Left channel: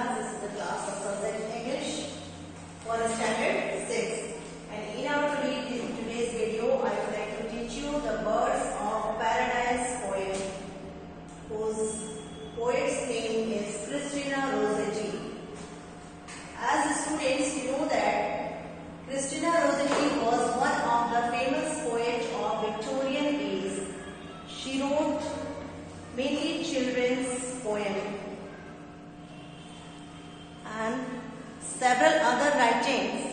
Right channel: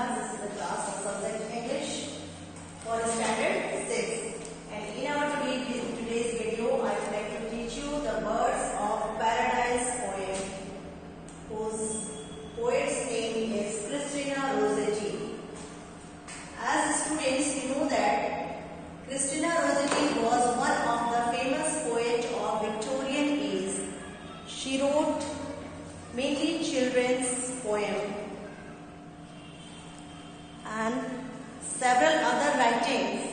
Krishna. This is the class of subject English for standard 6. And in our today's video, I would like to teach you the Birds of Paradise poem, whose poet's name is Christina Rossetti. As students, you know that Christina Rossetti was one of the famous poets of Victorian age. She wrote mainly children's poems and several other writings,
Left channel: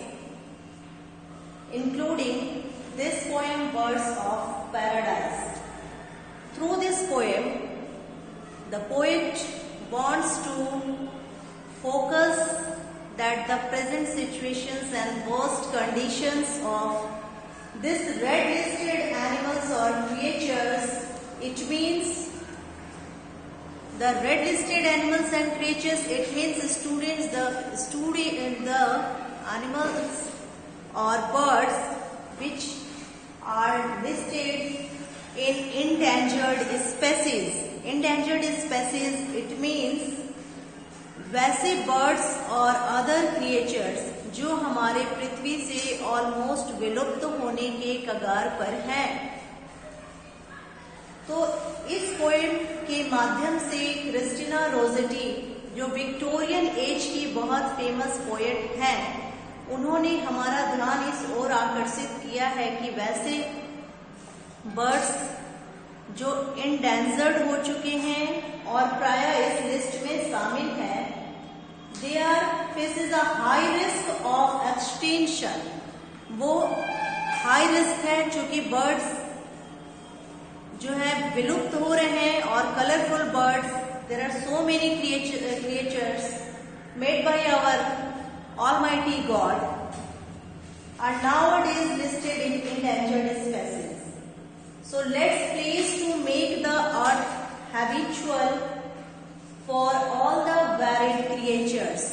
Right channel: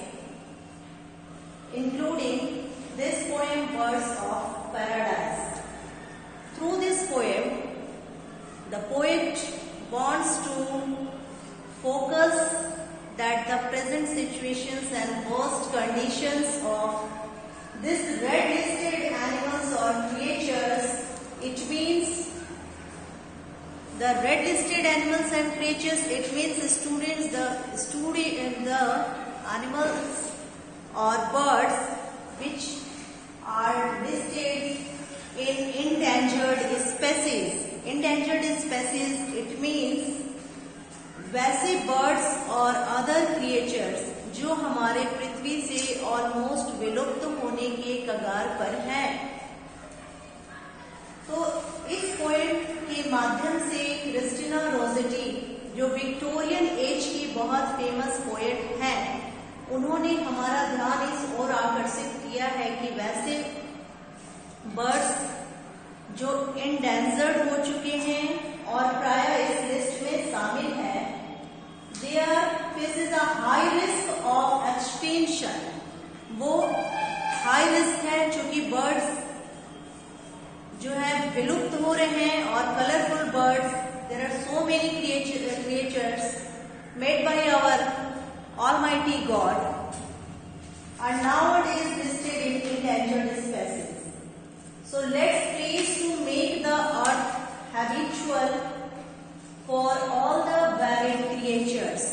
including this poem, Birds of Paradise. Through this poem, the poet wants to focus that the present situations and worst conditions of this red-listed animals or creatures, it means the red-listed animals and creatures, it means the animals or birds which are listed in endangered species. Endangered species, it means वैसे birds और other creatures जो हमारे पृथ्वी से almost विलुप्त होने के कगार पर हैं। तो इस पोएम के माध्यम से क्रिस्टिना रोसेटी, जो विक्टोरियन एज की बहुत फेमस पोएट हैं, उन्होंने हमारा ध्यान इस ओर आकर्षित किया है कि वैसे बर्ड्स जो एंडेंजर्ड हो चुके हैं और प्राय इस लिस्ट में शामिल हैं, they are faces a high risk of extinction. वो हाई रिस्क है क्योंकि बर्ड्स जो है विलुप्त हो रहे हैं और colourful birds, there are so many creatures made by our almighty God are nowadays listed in endangered species. So let's please to make the earth habitual for all the varied creatures.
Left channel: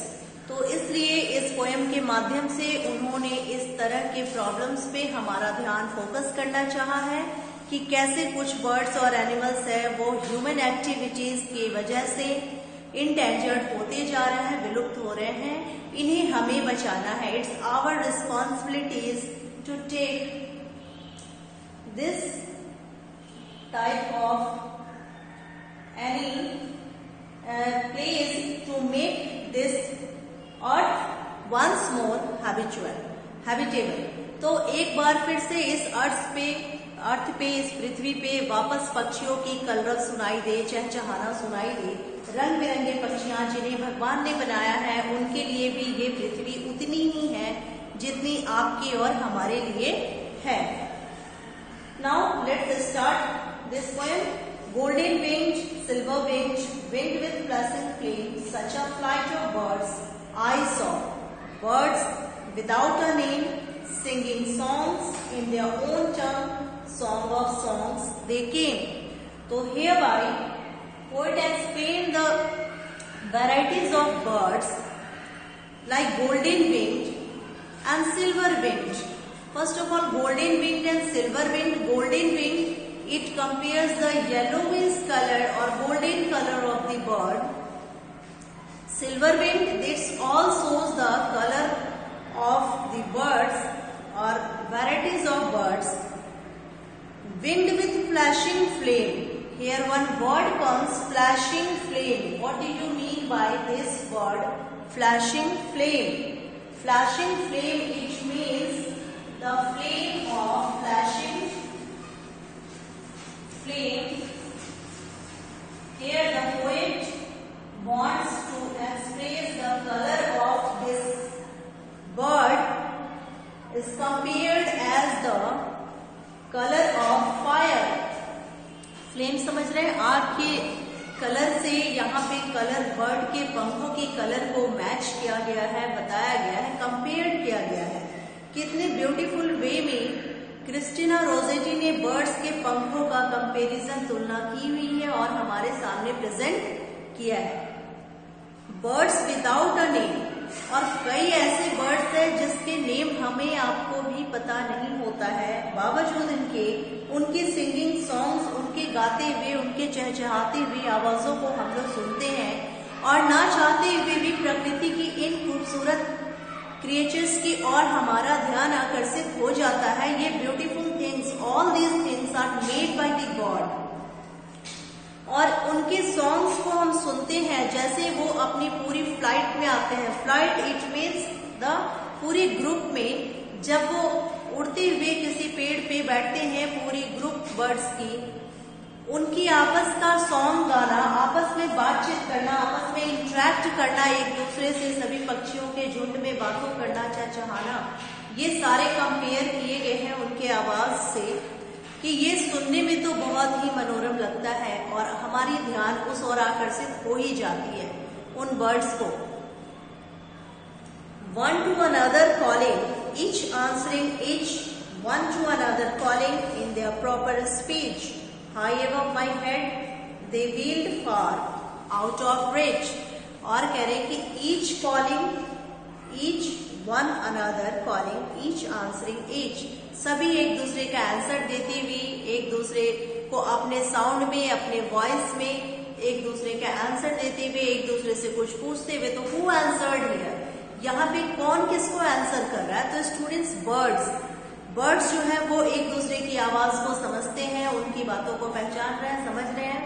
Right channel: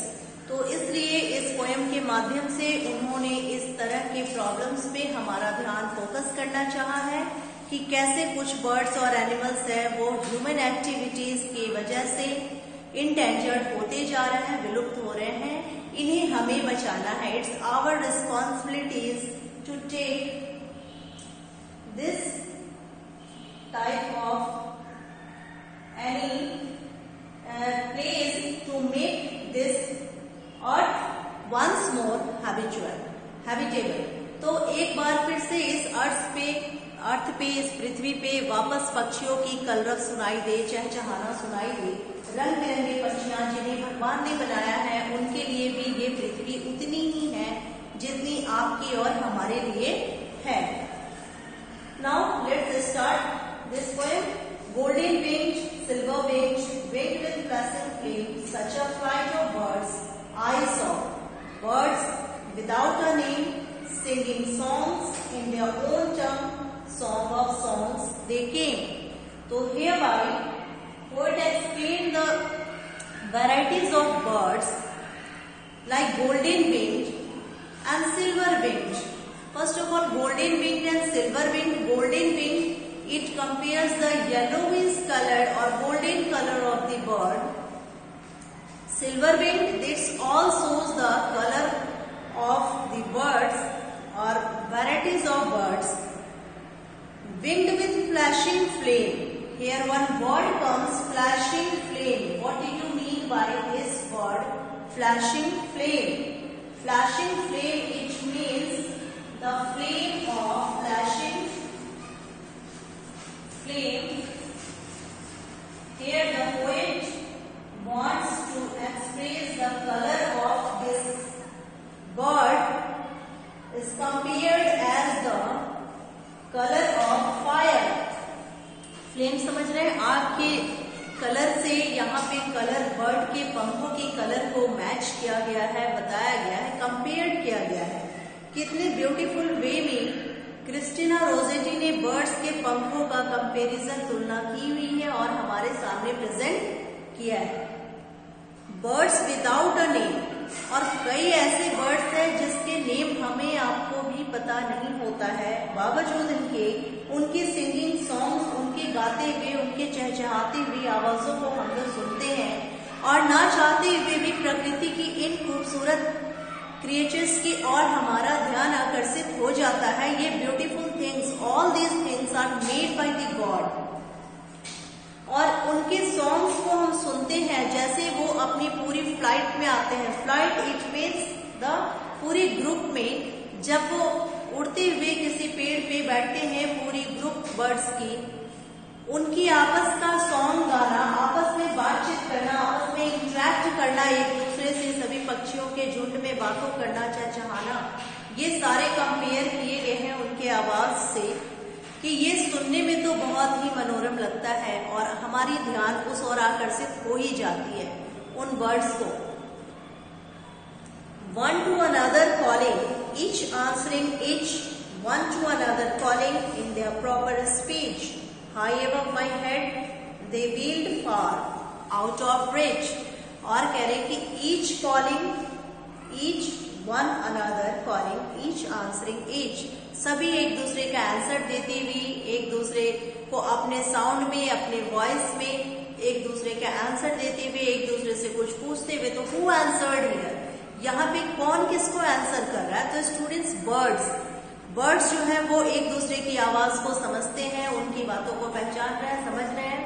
तो इसलिए इस poem के माध्यम से उन्होंने इस तरह के प्रॉब्लम्स पे हमारा ध्यान फोकस करना चाहा है कि कैसे कुछ बर्ड्स और एनिमल्स है वो ह्यूमन एक्टिविटीज की वजह से इंडेंजर्ड होते जा रहे हैं, विलुप्त हो रहे हैं, इन्हें हमें बचाना है. It's our responsibilities to take this type of any place to make this earth once more habitable. तो एक बार फिर से इस अर्थ पे इस पृथ्वी पे वापस पक्षियों की कलरव सुनाई दे, चहचहाना सुनाई दे. रंग बिरंगे पक्षियां जिन्हें भगवान ने बनाया है, उनके लिए भी ये पृथ्वी उतनी ही है जितनी आपकी और हमारे लिए है. Now let's start this poem. Golden winged, silver winged, winged with pleasant flame, such a flight of birds I saw. Birds without a name, singing songs in their own tongue, song of songs they came. So hereby, poet explained the varieties of birds like golden winged and silver winged. First of all, golden winged and silver winged. Golden winged, it compares the yellowish color or golden color of the bird. Silver winged, this all shows the color of the birds or varieties of birds. Winged with flashing flame. Here one word comes, flashing flame. What do you mean by this word, flashing flame? Flashing flame, it means the flame of flashing flame. Here the poet wants to express the color of this bird is compared as the color of fire. Flame समझ रहे हैं? आग के colour से यहाँ पे colour bird के पंखों की कलर को मैच किया गया है, बताया गया है, कंपेयर किया गया है. कितने ब्यूटीफुल वे में क्रिस्टिना रोसेटी ने बर्ड्स के पंखों का कंपैरिजन, तुलना की हुई है और हमारे सामने प्रेजेंट किया है. बर्ड्स विदाउट अ नेम, और कई ऐसे बर्ड्स हैं जिसके नेम हमें आपको भी पता नहीं होता है, बावजूद इनके उनकी सिंगिंग सॉन्ग्स, उनके गाते हुए, उनके चहचहाती हुई आवाजों को हम लोग सुनते हैं और ना चाहते हुए भी प्रकृति की इन खूबसूरत क्रिएचर्स की ओर हमारा ध्यान आकर्षित हो जाता है। ये beautiful things, all these things are made by the God. और उनके सॉन्ग्स को हम सुनते हैं जैसे वो अपनी पूरी फ्लाइट में आते हैं। फ्लाइट इट मीन्स द पूरे ग्रुप में जब वो उड़ते हुए किसी पेड़ पे बैठते हैं, पूरी ग्रुप बर्ड्स की, उनकी आपस का सॉन्ग गाना, आपस में बातचीत करना, आपस में इंटरेक्ट करना, एक दूसरे से सभी पक्षियों के झुंड में बातों करना, चहचहाना, ये सारे कंपेयर किए गए हैं उनके आवाज से कि ये सुनने में तो बहुत ही मनोरम लगता है और हमारी ध्यान उस ओर आकर्षित हो ही जाती है उन बर्ड्स को। One to another calling, each answering each one to another calling in their proper speech. High above my head, they wheeled far out of reach. और कह रहे कि each calling, each one another calling, each answering each. सभी एक दूसरे का answer देते हुए, एक दूसरे को अपने साउंड में, अपने वॉइस में एक दूसरे का आंसर देते हुए, एक दूसरे से कुछ पूछते हुए। तो who answered here? यहाँ पे कौन किसको आंसर कर रहा है? तो स्टूडेंट्स, बर्ड्स जो है वो एक दूसरे की आवाज को समझते हैं, उनकी बातों को पहचान रहे हैं, समझ रहे हैं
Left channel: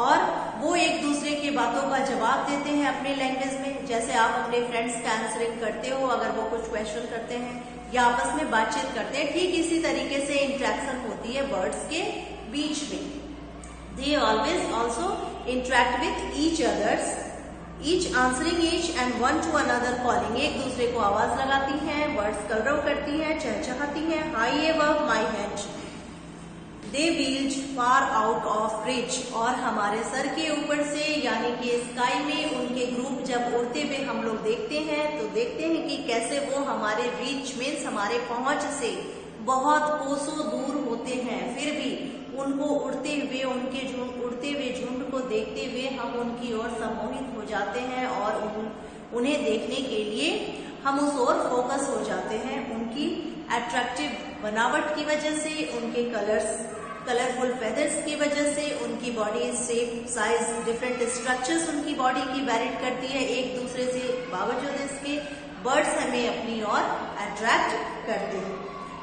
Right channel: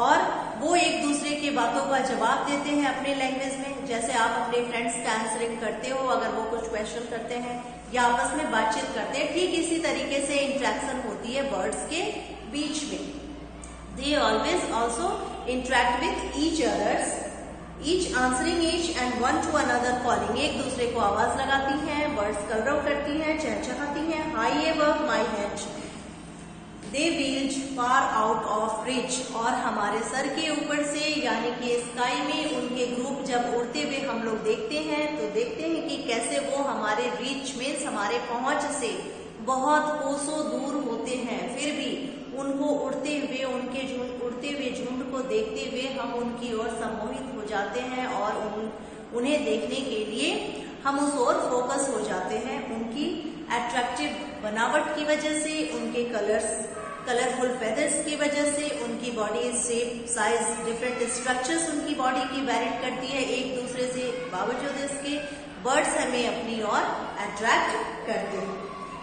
और वो एक दूसरे की बातों का जवाब देते हैं अपने लैंग्वेज में। जैसे आप अपने फ्रेंड्स का आंसरिंग करते हो अगर वो कुछ क्वेश्चन करते हैं या आपस में बातचीत करते हैं, ठीक इसी तरीके से इंटरेक्शन होती है बर्ड्स के बीच में। They always also interact with each others, each answering each and one two another calling. एक दूसरे को आवाज लगाती हैं, वर्ड्स कलरव करती हैं, चहचहाती हैं। High above my head they wheeled far out of reach. और हमारे सर के ऊपर से यानी कि स्काई में उनके ग्रुप जब उड़ते हुए हम लोग देखते हैं तो देखते हैं कि कैसे वो हमारे रीच में, हमारे पहुंच से बहुत कोसों दूर होते हैं, फिर भी उनको उड़ते हुए, उनके उड़ते हुए झुंड को देखते हुए हम उनकी ओर सम्मोहित हो जाते हैं और उन्हें देखने के लिए हम उस ओर फोकस हो जाते हैं। उनकी अट्रैक्टिव बनावट की वजह से, उनके कलरफुल फेदर्स की वजह से, उनकी body shape, size, different structures उनकी बॉडी की वेरी करती है एक दूसरे से। बावजूद इसके बर्ड्स हमें अपनी ओर अट्रैक्ट करते हैं।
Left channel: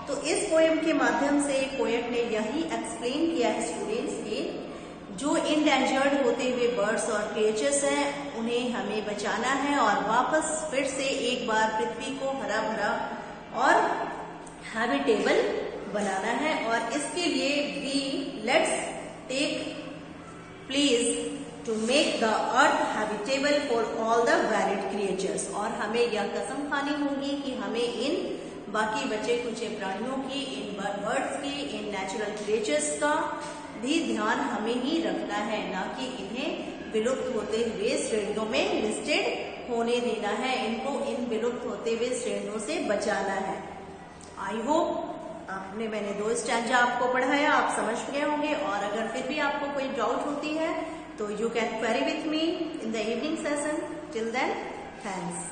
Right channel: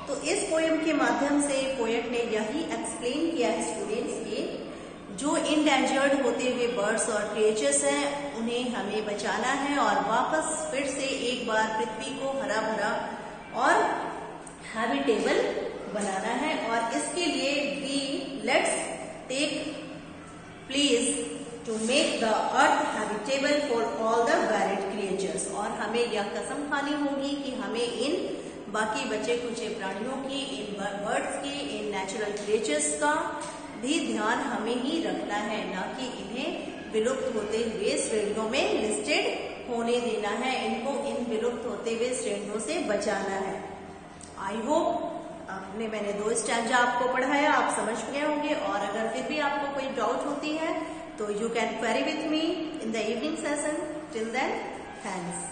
तो इस पोएम के माध्यम से पोएट ने यही एक्सप्लेन किया है स्टूडेंट्स के जो इंडेंजर्ड होते हुए बर्ड्स और क्रिएचर्स हैं उन्हें हमें बचाना है और वापस फिर से एक बार पृथ्वी को हरा भरा और हैबिटेबल बनाना है। और इसके लिए we let's take please to make the earth habitable for all the valid creatures. और हमें यह कसम खानी होगी कि हमें इन बाकी बचे कुचे प्राणियों की, इन बर्ड्स की, इन नेचुरल क्रिएचर्स का भी ध्यान हमें ही रखना है, ना कि इन्हें विलुप्त होते हुए श्रेणियों में लिस्टेड होने देना है। इनको इन विलुप्त होते हुए श्रेणियों से बचाना है। आई होप मैंने 2 स्टैंजा आपको पढ़ाया, आप समझ गए होंगे। और अगर फिर भी आपको कोई डाउट होती है तो you can query with me in the evening session. Till then, thanks.